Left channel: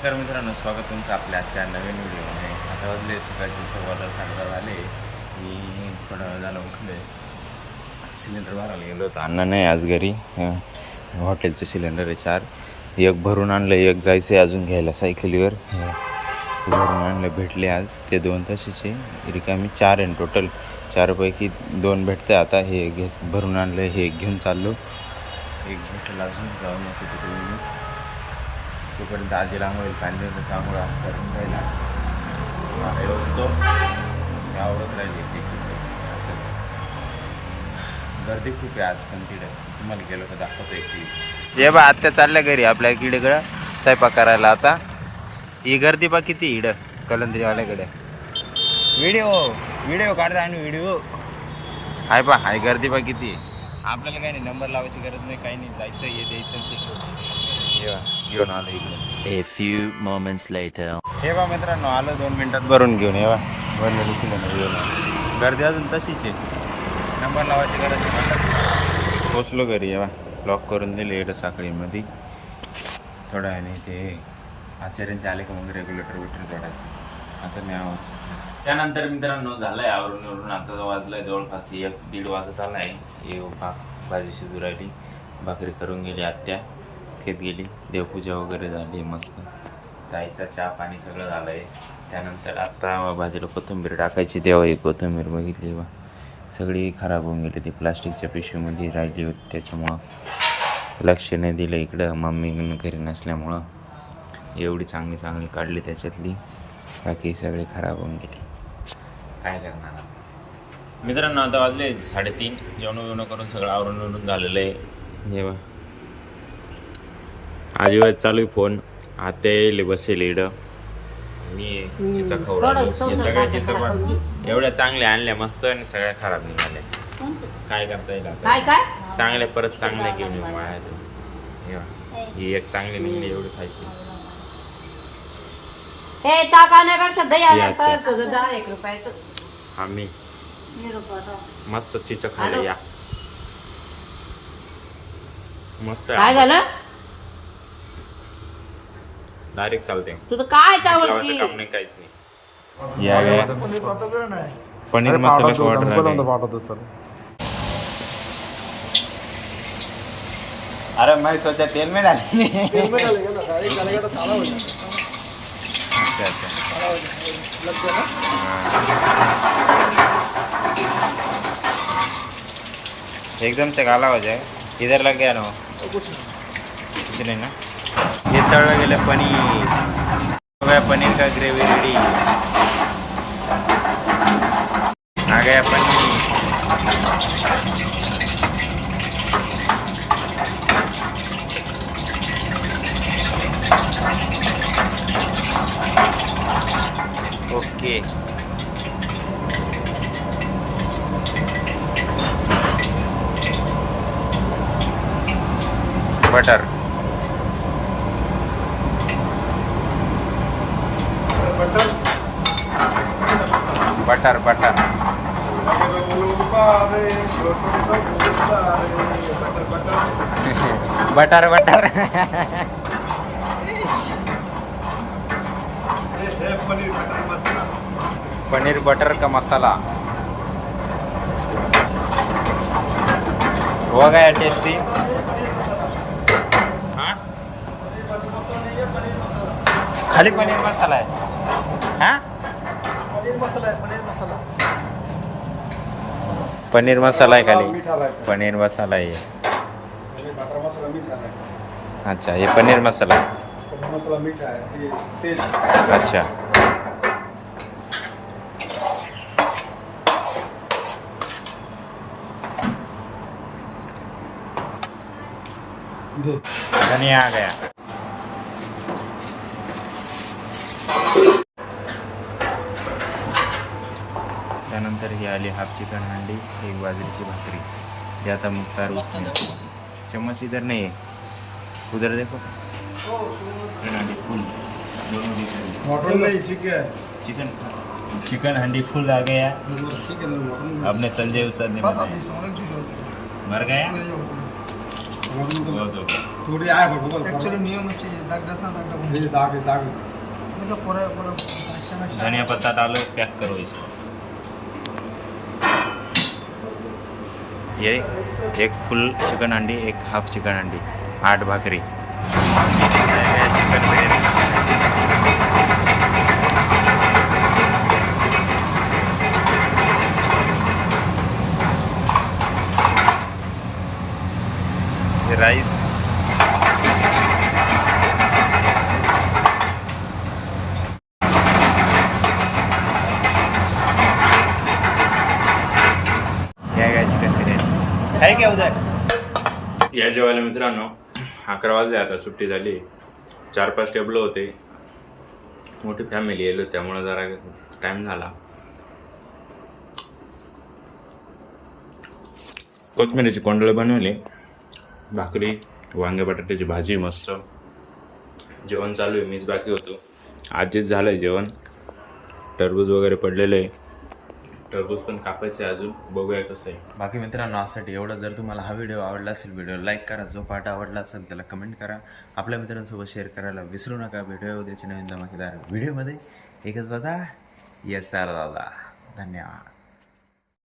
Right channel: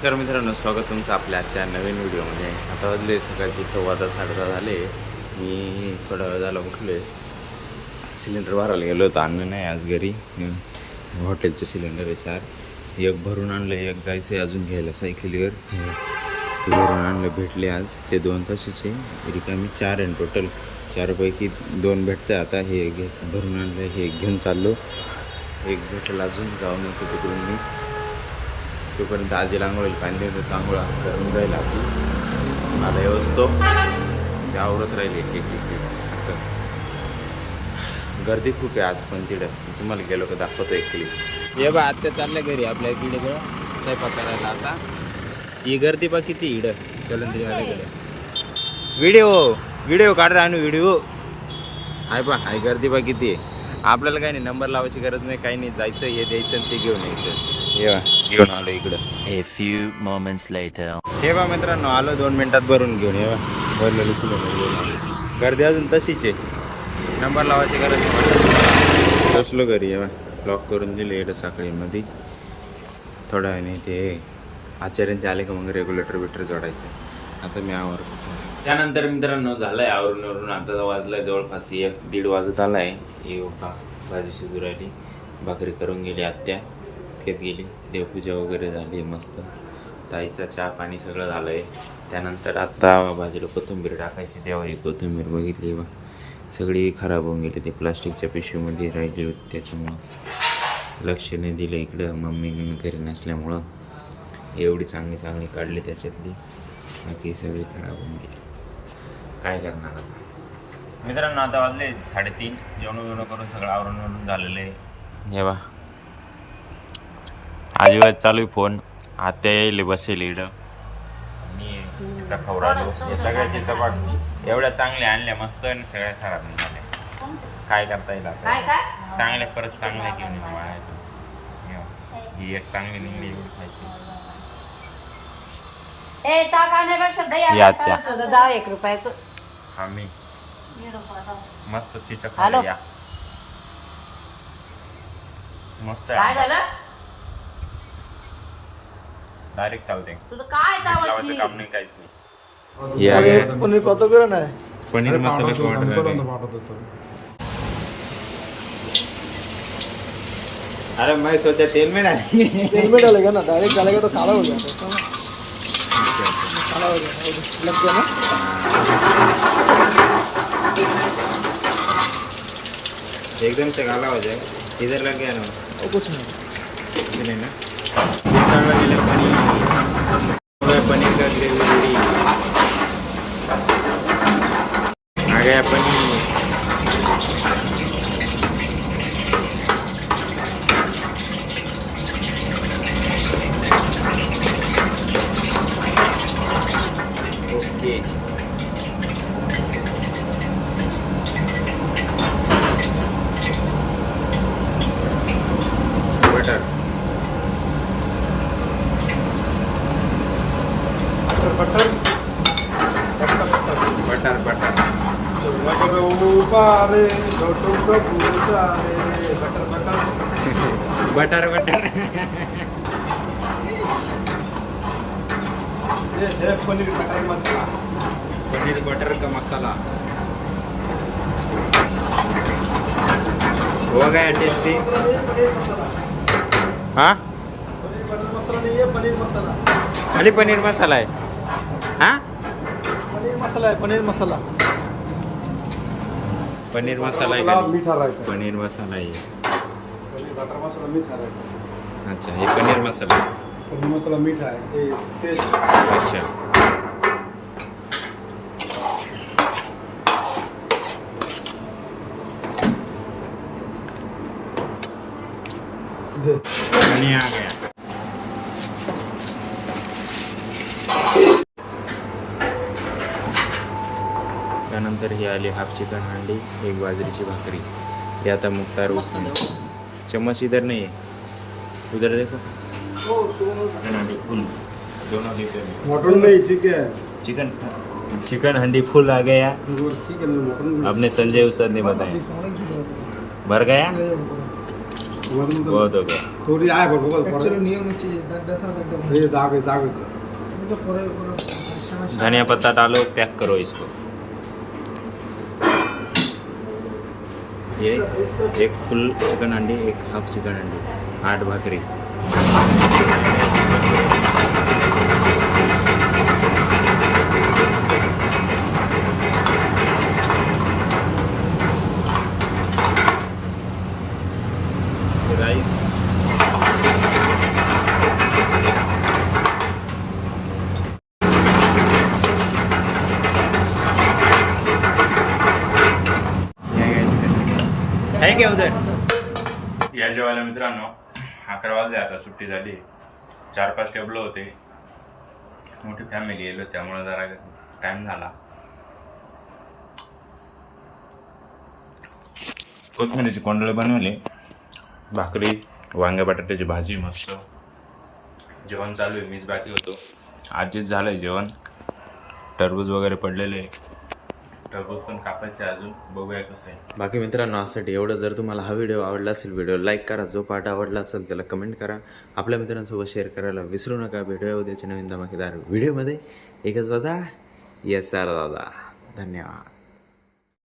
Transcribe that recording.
नमस्कार मित्रांनो, स्वागत तुमचं आपल्या आजच्या नवीन व्हिडिओमध्ये. आता वाजले सकाळचे 10:15 झाले. मी थोडा वेळ झाला उठले. सिलेंडर भरायला गेलो होतो. अण्णा नाही आज घरी. हॉटेलचे सिलेंडर आहे 4. एक भरून आणलं, एक जायचं आहे अजून घ्यायला सायकलीवर. ते भरून आणलं, भेटले आज. ते 2 तसेच आहे. रिकामी 4 आहे टोटल. 4पैकी 2 भेटते. आता हे भरून आणलं, हे घेऊन चाललो. एक भेटेल अजून, जाऊन येतो तिकडून मी. तोपर्यंत आजीला आंघोळीला पाणी देतो. आंघोळा करून राहील आजी. मला येवसतो ते आवरत राहील एक असं. गर्दी खूप आहे आज पण तिकडे. तुम्हाला गेलो का दाखवतो एक क्लिप. ये बा आत्या चालल्या घरी आपल्या इकडं स्वयंपाक करायला. आता ही गर्दी बा किती इकडं कलंदरीवाल्याकडे. व्हिडिओ काढ रा. आणि व्हिडिओ हाय बा, हाय गर्दी बा किती आहे. आपल्याला काही नाही, नंबर लावायची गरज नाही, काही नाही. जायचं, हे द्यायचं आणि ते घेऊन यायचं. घेऊन आलो इकडं. A few moments later. हे बा मित्रांनो, आलो 2 मिनिटात भरून घेऊन. ये बा भरलेलं सिलेंडर घेऊन आलो. गर्दी अजून तशीच आहे, नंबर लावायची गरज नाही म्हटलं तुम्हाला. पोचलो घरी. ये बा लॉक करून दिले इकडं साखळीमध्ये. थोड्या वेळाने ते आचार्य आले का मग रेग्युलेटर बिटर जोडायचं. आता मी आवरतो. त्यानंतर मित्रांनो झालं आहे आवरून. आता वाजलं आहे जवळपास 1-1:30 वाजत आला आहे. हे भाजी शिजू राहिली. भाकरी करून गेली आत्या, खेत गेली. देवपूजा वगैरे झाली मस्त. ताईचा चहा पाणी सगळं झालं आहे. त्यानंतर आत्ता भाजीला कोथिंबीर टाकायची. तेव्हा ही कोथिंबीर बघितली बा, सगळी खराब होऊन गेली. ती प्लास्टिकच्या पिशवीमध्ये राहिली होती, त्याच्यामुळं लक्ष नाही दिलं इकडं. मम्मी घरी नसल्यामुळं एवढी चांगली काढली त्याच्यातली, बाकी सगळी खराब होऊन गेली. काय करणार आता मित्रांनो. आता वाजले 3:30. जेवण करून सगळं आवरून झालेलं आहे. हे बा आजीबाज चालू आहे फोन. आत्या येईल बसेल इकडं. मी चिचा खाऊ राहिलो. हे सगळ्या चिचा पण एवढ्या चांगल्या आणल्या मस्त आणि सगळ्या खराब निघाल्या. काय करता येईल आता. चांगल्या परत चांगल्या घेऊन येऊ माझ्या. ही एक चांगली निघली, एवढी खायची. आम्ही मस्त चिचा खायला या. मस्त डायरेक्ट चालते. लावायचं काम नाही, काहीच नाही. या गया पनीर मसाला को ऑर्डर. अरे मैं सोचा तेल में डालेगा ना, डायरेक्ट डालेगा तो काला हो जाएगा. अच्छा. एकदम से काला हो जाएगा. इधर लग गया ना कुछ नहीं ना. ये तळलं गेलं पनीर. पनीर का ग्रेवी रेडी. आ गया paneer. Okay. Butter paneer butter का मसाला हो गया टेस्टी. हाँ खाली पनीर मसाला है. हाँ पनीर मसाला है खाली. पनीर मसाला है. अच्छा, ये पनीर मसाला मीठा है. अच्छा. आणि आ गया. त्यानंतर ही आली हाफ चिकन हांडी, एक बाजरीची भाकरी. ये आता मुख्तार उसने चम्मच इधर नहीं है, उधर देखो. हांडी फुल दोनों चिकन हांडी फुल आ गया. अपने संजय उस्ताद ने बताया. भर गया. बहुत हो गया. थोडी आहे बघ ॲक्च्युली नियमची दागडाच ना दागडा हे दाग दाग होतं. तो पोरं धनिया पत्ता डालो, पैक करो इसको. ये एक फुल चिकन हंडी, एक हाफ चिकन हंडी, 8 भाकरी. चिकन बिर्याणी. ये राईस. चिकन बिर्याणी आहे क्या उधर. या जेवायला मित्रांनो 11 वाजले, आता सुट्टी झाली. 4-5 टेबल होते, मोठी फॅमिली येलो त्यामुळे जरा टाइम झाला. कोथिंबीरीची कोंडळे बनवले, भाकरी, वांग्या बटाट्याची भाजी, मस्त जेवण चालू आहे. मीच बाकी होतो, आजच झालं आहे जेवण. टरबूज वगैरे पडलेलं आहे, टरबूज पण कापायचं आहे अजून, बघूया कसं आहे. बाकी मित्रांनो आजसाठी एवढं. जर तुम्हाला हा व्हिडिओ आवडला असेल, व्हिडिओ लाईक करा. जो पार्ट आवडला असेल त्याला कमेंट करा, आपल्या मित्रांसोबत शेअर करायला विसरू नका. भेटूया उद्याच्या नवीन धमाकेदार व्हिडिओमध्ये. एकच बघा, येस सर दादा. धन्यवाद.